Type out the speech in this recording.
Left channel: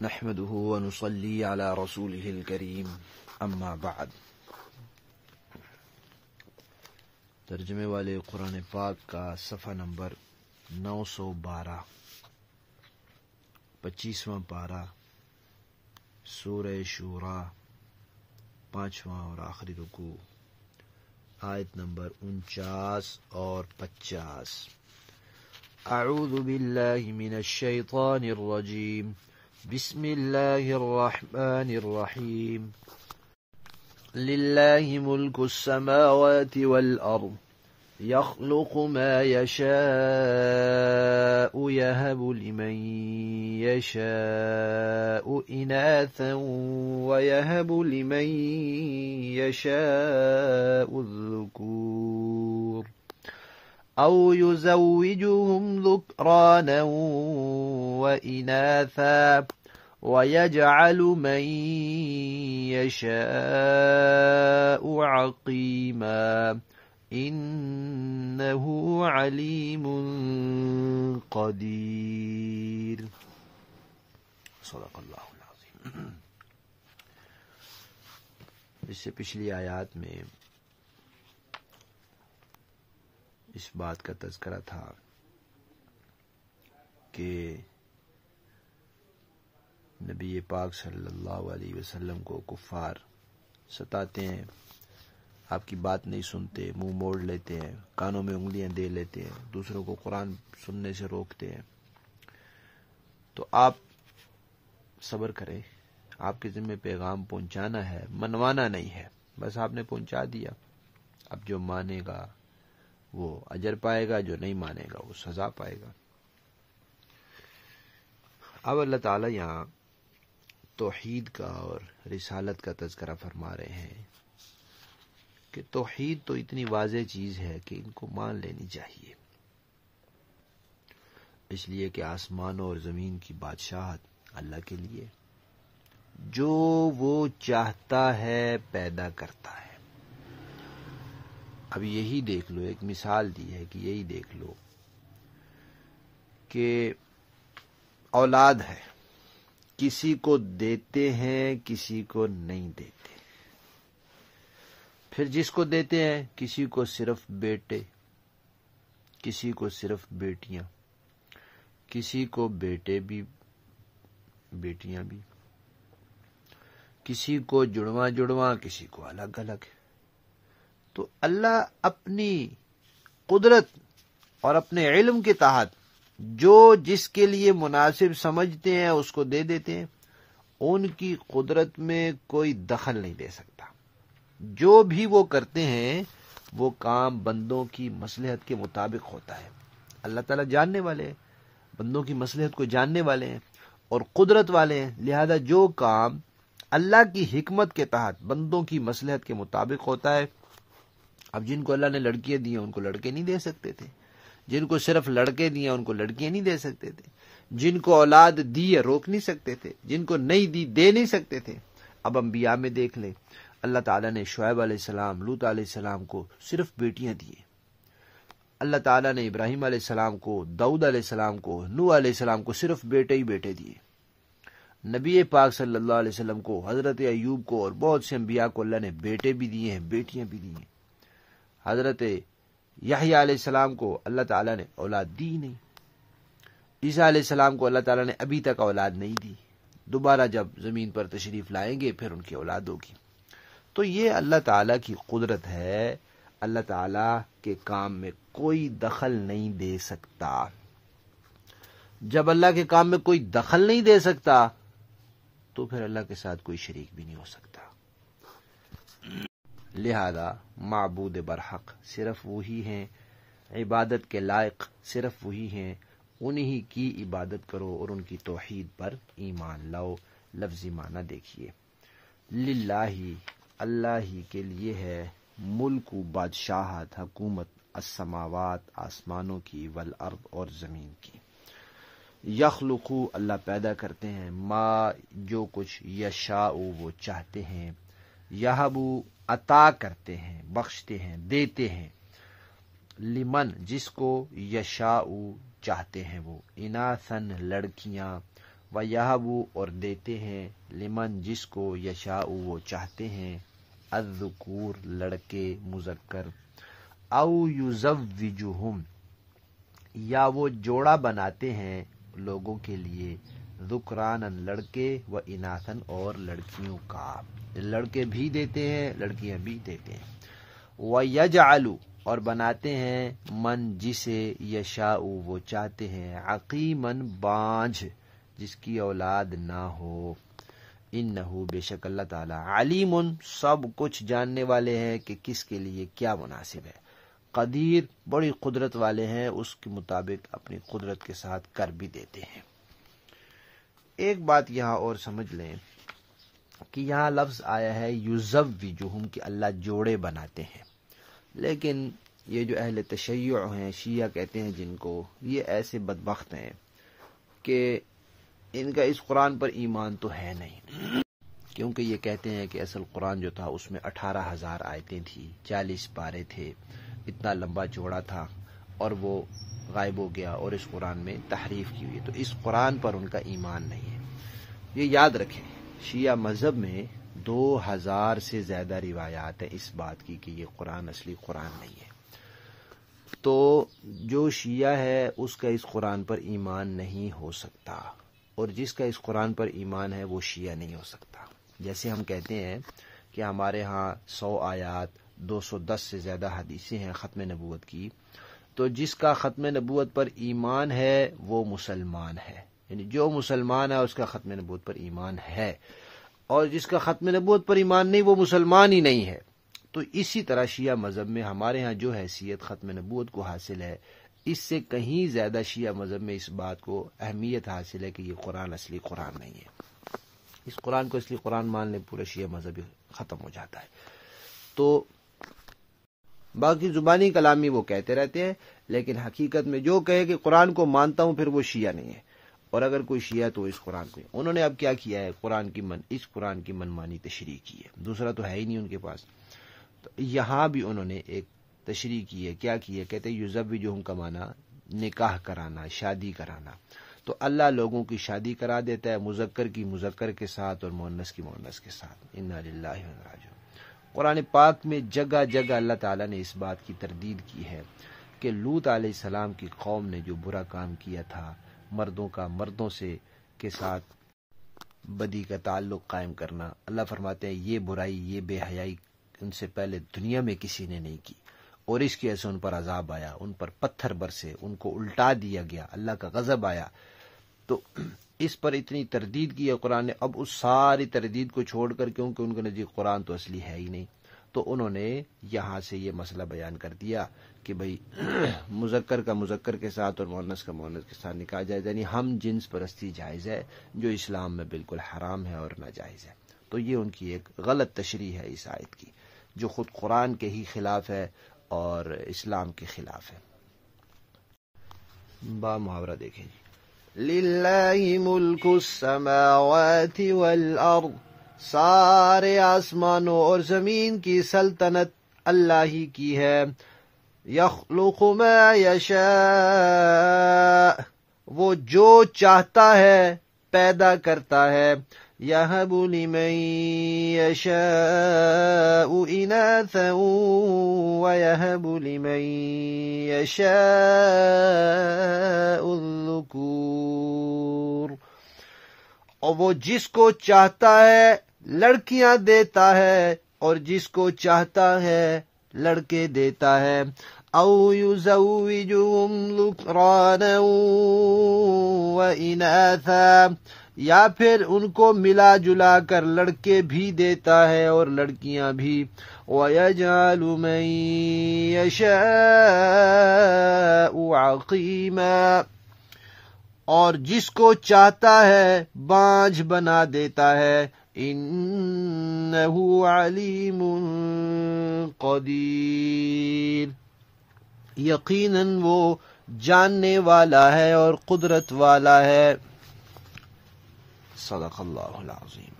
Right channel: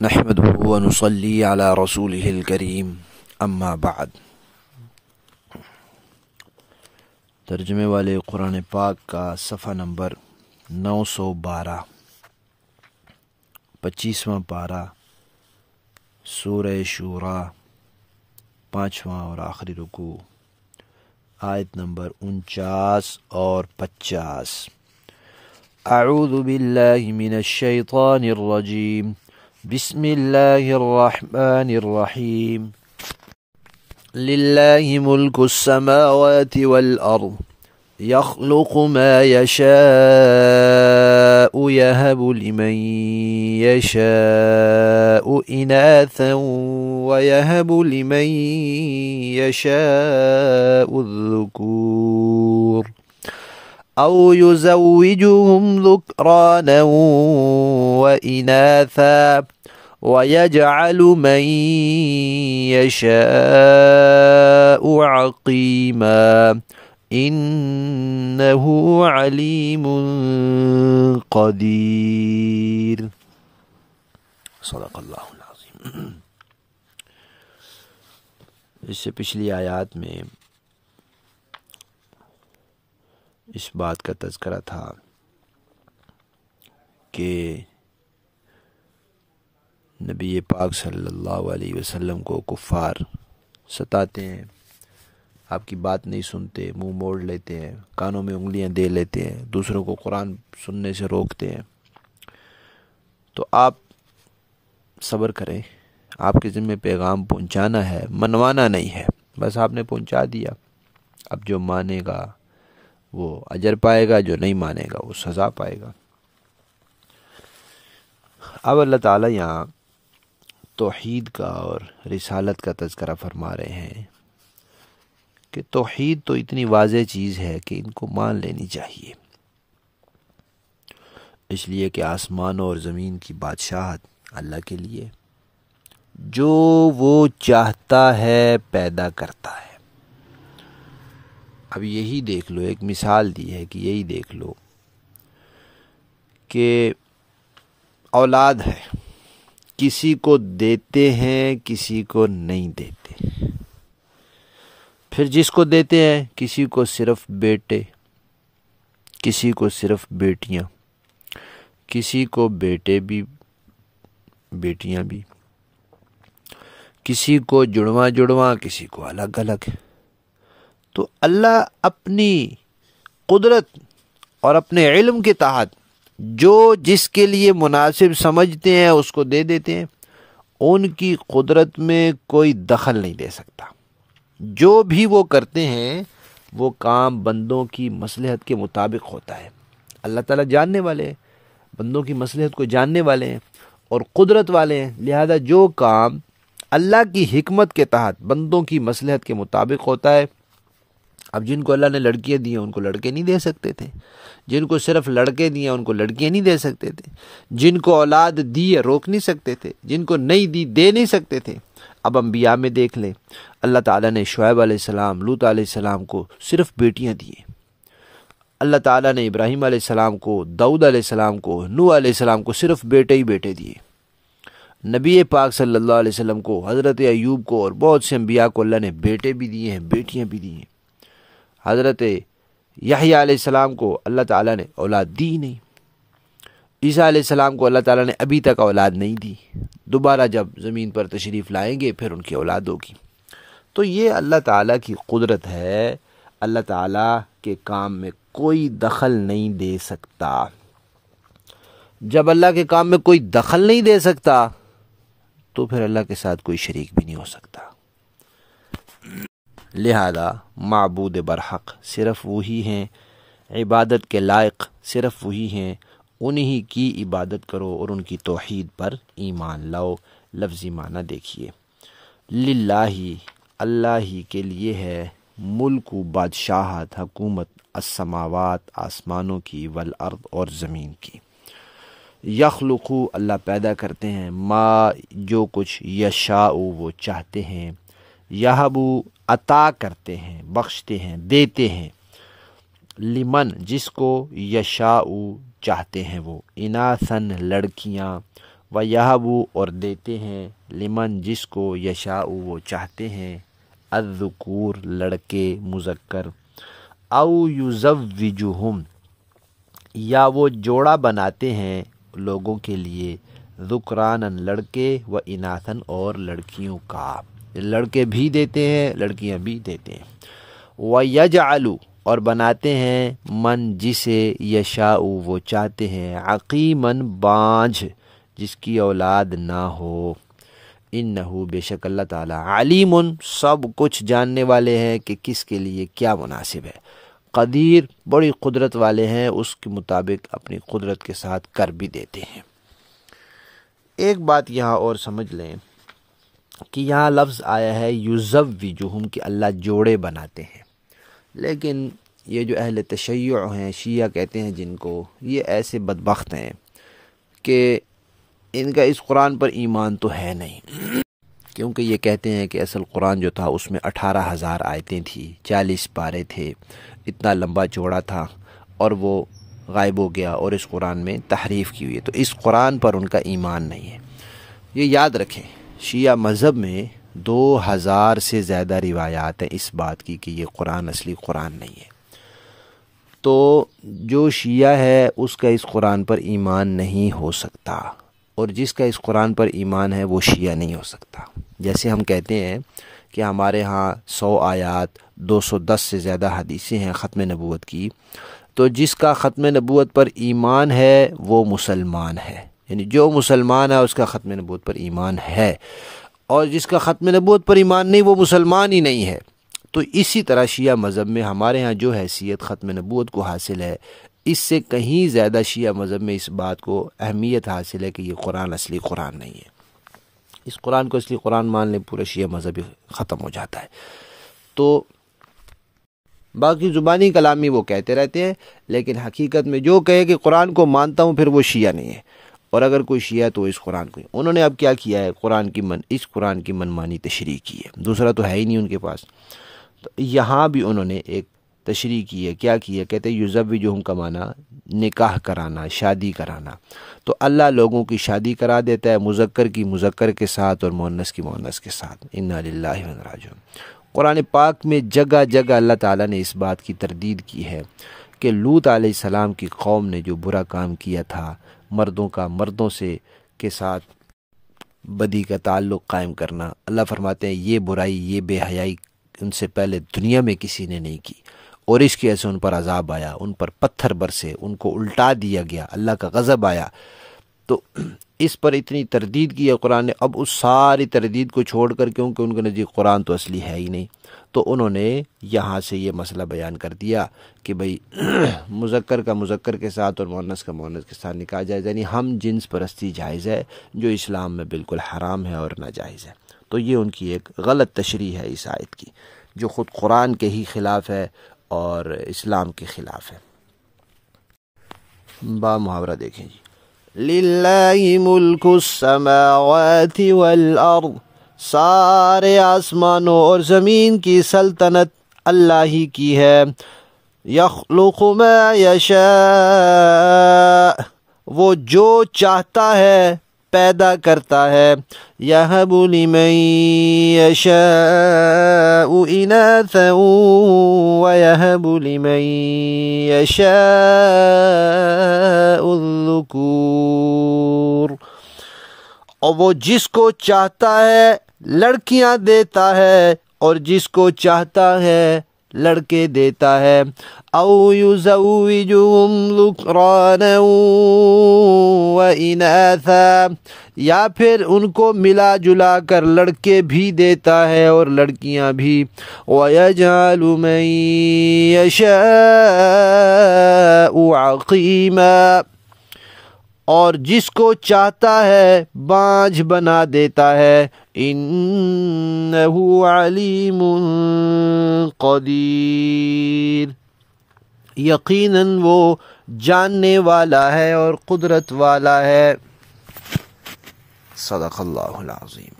نحمده ونصلي على رسوله الكريم اما بعد۔ ترجمے والے قرآن پاک کا صفحہ نمبر 912، 25واں پارہ، سورہ شورى، 5واں اور آخری رکوع، آیت نمبر 49 اور 50۔ اعوذ باللہ من الشیطان الرجیم، بسم اللہ الرحمن الرحیم۔ للہ ملک السماوات والارض يخلق ما يشاء يهب لمن يشاء إناثا ويهب لمن يشاء الذكور أو يزوجهم ذكرانا وإناثا ويجعل من يشاء عقيما إنه عليم قدير۔ صدق اللہ العظیم۔ اس سے پچھلی آیات میں اس بات کا تذکرہ تھا کہ نبی پاک صلی اللہ علیہ وسلم کو کفار ستاتے ہیں، آپ کی بات نہیں سنتے، منہ موڑ لیتے ہیں، کانوں میں انگلیاں دے لیتے ہیں، دوسروں کو قرآن سننے سے روکتے ہیں۔ تو آپ صبر کریں، آپ کے ذمہ پیغام پہنچانا ہے، منوانا نہیں ہے، بس آپ نے پہنچا دیا۔ اب جو مانے گا وہ اجر پائے گا، جو نہیں مانے گا وہ سزا پائے گا۔ اب اللہ تعالیٰ یہاں توحید کا اور رسالت کا تذکرہ فرما رہے ہیں کہ توحید تو اتنی واضح چیز ہے کہ ان کو مان لینی چاہیے، اس لیے کہ آسمان اور زمین کی بادشاہت اللہ کے لیے، جو وہ چاہتا ہے پیدا کرتا ہے۔ اب یہی دیکھ لو، ایک مثال دی ہے کہ یہی دیکھ لو کہ اولاد ہے، کسی کو دیتے ہیں کسی کو نہیں دیتے، پھر جس کو دیتے ہیں کسی کو صرف بیٹے، کسی کو صرف بیٹیاں، کسی کو بیٹے بھی بیٹیاں بھی، کسی کو جڑواں جڑواں، کسی کو الگ الگ۔ تو اللہ اپنی قدرت اور اپنے علم کے تحت جو جس کے لیے مناسب سمجھتے ہیں اس کو دے دیتے ہیں، ان کی قدرت میں کوئی دخل نہیں دے سکتا۔ جو بھی وہ کرتے ہیں وہ کام بندوں کی مصلحت کے مطابق ہوتا ہے۔ اللہ تعالیٰ جاننے والے ہیں، بندوں کی مصلحت کو جاننے والے ہیں اور قدرت والے ہیں، لہذا جو کام اللہ کی حکمت کے تحت بندوں کی مصلحت کے مطابق ہوتا ہے۔ اب جن کو اللہ نے لڑکیاں دی ہیں ان کو لڑکے نہیں دے سکتے تھے، جن کو صرف لڑکے دیے ان کو لڑکیاں نہیں دے سکتے تھے، جن کو اولاد دی ہے روک نہیں سکتے تھے، جن کو نہیں دی دے نہیں سکتے تھے۔ اب انبیاء میں دیکھ لیں، اللہ تعالیٰ نے شعیب علیہ السلام، لوط علیہ السلام کو صرف بیٹیاں دی، اللہ تعالیٰ نے ابراہیم علیہ السلام کو، داؤد علیہ السلام کو، نوح علیہ السلام کو صرف بیٹے ہی بیٹے دیے۔ نبی پاک صلی اللہ علیہ وسلم کو، حضرت ایوب کو اور بہت سے انبیاء کو اللہ نے بیٹے بھی دیے ہیں، بیٹیاں بھی دی ہیں۔ حضرت یحییٰ علیہ السلام کو اللہ تعالیٰ نے اولاد دی نہیں، عیسیٰ علیہ السلام کو اللہ تعالیٰ نے ابھی تک اولاد نہیں دی، دوبارہ جب زمین پر تشریف لائیں گے پھر ان کی اولاد ہوگی۔ تو یہ اللہ تعالیٰ کی قدرت ہے، اللہ تعالیٰ کے کام میں کوئی دخل نہیں دے سکتا۔ جب اللہ کے کام میں کوئی دخل نہیں دے سکتا تو پھر اللہ کے ساتھ کوئی شریک بھی نہیں ہو سکتا۔ لہذا معبود برحق صرف وہی ہیں، عبادت کے لائق صرف وہی ہیں، انہی کی عبادت کرو اور ان کی توحید پر ایمان لاؤ۔ لفظی معنی دیکھیے، للہ اللہ ہی کے لیے ہے، ملک و بادشاہت، حکومت، السماوات آسمانوں کی، والارض اور زمین کی، یخلقو اللہ پیدا کرتے ہیں، ما جو کچھ، یشاء وہ چاہتے ہیں، یہبو عطا کرتے ہیں، بخشتے ہیں، دیتے ہیں، لمن جس کو، یشاء چاہتے ہیں وہ، اناثن لڑکیاں، وَيَهَبُ اور دیتے ہیں لمن جس کو یشاء وہ چاہتے ہیں الذکور لڑکے مذکر او یزوجہم یا وہ جوڑا بناتے ہیں لوگوں کے لیے ذکرانن لڑکے و اناثن اور لڑکیوں کا لڑکے بھی دیتے ہیں لڑکیاں بھی دیتے ہیں وَيَجْعَلُ اور بناتے ہیں من جسے یشاء وہ چاہتے ہیں عقیماً بانجھ جس کی اولاد نہ ہو انہو بے شک اللہ تعالیٰ علیم سب کچھ جاننے والے ہیں کہ کس کے لیے کیا مناسب ہے قدیر بڑی قدرت والے ہیں اس کے مطابق اپنی قدرت کے ساتھ کر بھی دیتے ہیں۔ ایک بات یہاں اور سمجھ لیں کہ یہاں لفظ آیا ہے یزوجہم کہ اللہ جوڑے بناتے ہیں، لیکن یہ جو اہل تشیع ہیں شیعہ کہتے ہیں جن کو، یہ ایسے بدبخت ہیں کہ ان کا اس قرآن پر ایمان تو ہے نہیں، کیونکہ یہ کہتے ہیں کہ اصل قرآن جو تھا اس میں 18,000 آیتیں تھیں، 40 پارے تھے، اتنا لمبا چوڑا تھا اور وہ غائب ہو گیا اور اس قرآن میں تحریف کی ہوئی ہے، تو اس قرآن پر ان کا ایمان نہیں ہے۔ یہ یاد رکھیں شیعہ مذہب میں 2000 سے زیادہ روایات ہیں اس بات کی کہ یہ قرآن اصلی قرآن نہیں ہے، تو جو شیعہ ہے اس کا اس قرآن پر ایمان نہیں ہو سکتا، اور جس کا اس قرآن پر ایمان ہے وہ شیعہ نہیں ہو سکتا۔ جیسے ہم کہتے ہیں کہ ہمارے ہاں 100 آیات 210 سے زیادہ حدیثیں ہیں ختم نبوت کی، تو جس کا ختم نبوت پر ایمان ہے وہ مسلمان ہے، یعنی جو مسلمان ہے اس کا ختم نبوت پر ایمان ہے، اور جس کا ختم نبوت پر ایمان نہیں وہ مسلمان ہی نہیں ہے۔ تو اسی طرح شیعہ مذہب میں ہمارے ہاں جو حیثیت ختم نبوت کو حاصل ہے، اس سے کہیں زیادہ شیعہ مذہب میں اس بات کو اہمیت حاصل ہے کہ یہ قرآن اصلی قرآن نہیں ہے۔ اس قرآن کو اصلی قرآن مان لیں پورا شیعہ مذہب ختم ہو جاتا ہے۔ تو باقی زبانی کلامی وہ کہتے رہتے ہیں، لیکن حقیقت میں جو کہے کہ قرآن کو مانتا ہوں پھر وہ شیعہ نہیں ہے، اور اگر کوئی شیعہ تو اس قرآن کو انہوں نے اب کیا کیا ہے، اس قرآن کی منمانی تشریح کی ہے، دوسرا تو ہے ہی نہیں ان کے پاس۔ تو یہاں بھی انہوں نے ایک تشریح کی ہے، کیا کی ہے، کہتے ہیں یزوجہم کا معنی نکاح کرانا، شادی کرانا، تو اللہ لوگوں کی شادی کرا دیتا ہے، مذکر کی مذکر کے ساتھ اور مؤنث کی مؤنث کے ساتھ۔ انا للہ و انا راجعون۔ قرآن پاک میں جگہ جگہ اللہ تعالیٰ نے اس بات کی تردید کی ہے کہ لوط علیہ السلام کی قوم نے جو برا کام کیا تھا، مردوں کا مردوں سے کے ساتھ بدی کا تعلق قائم کرنا، اللہ فرماتے ہیں یہ برائی، یہ بے حیائی ان سے پہلے دنیا میں کسی نے نہیں کی، اور اس کی وجہ سے ان پر عذاب آیا، ان پر پتھر برسے، ان کو الٹا دیا گیا، اللہ کا غضب آیا۔ تو اس پر اتنی تردید کی ہے قرآن نے، اب اس ساری تردید کو چھوڑ کر، کیونکہ ان کے نزدیک قرآن تو اصلی ہے ہی نہیں، تو انہوں نے یہاں سے یہ مسئلہ بیان کر دیا کہ بھئی مذکر کا مذکر کے ساتھ اور مؤنث کا مؤنث کے ساتھ نکاح جائز، یعنی ہم جنس پرستی جائز ہے، جو اسلام میں بالکل حرام ہے اور ناجائز ہے۔ تو یہ ان کی ایک غلط تشریح ہے اس آیت کی، جو خود قرآن کے ہی خلاف ہے اور اسلام کے خلاف ہے۔ با محاورہ دیکھیں جی، للہ ملک السماوات والارض، سارے آسمانوں اور زمین کی سلطنت اللہ ہی کی ہے، یخلق ما یشاء، وہ جو چاہتا ہے پیدا کرتا ہے، یہب لمن یشاء اناثا ویہب لمن یشاء الذکور، اور وہ جس کو چاہتا ہے لڑکیاں دیتا ہے اور جس کو چاہتا ہے لڑکے دیتا ہے، او یزوجہم ذکرانا و اناثا، یا پھر ان کو ملا جلا کر لڑکے بھی دیتا ہے اور لڑکیاں بھی، وَيَجْعَلُ مَن يَشَاءُ عَقِيمًا، اور جس کو چاہتا ہے بانجھ بنا دیتا ہے، انہ علیم قدیر، یقیناً وہ جاننے والا ہے اور قدرت والا ہے۔ صدق اللہ العظیم۔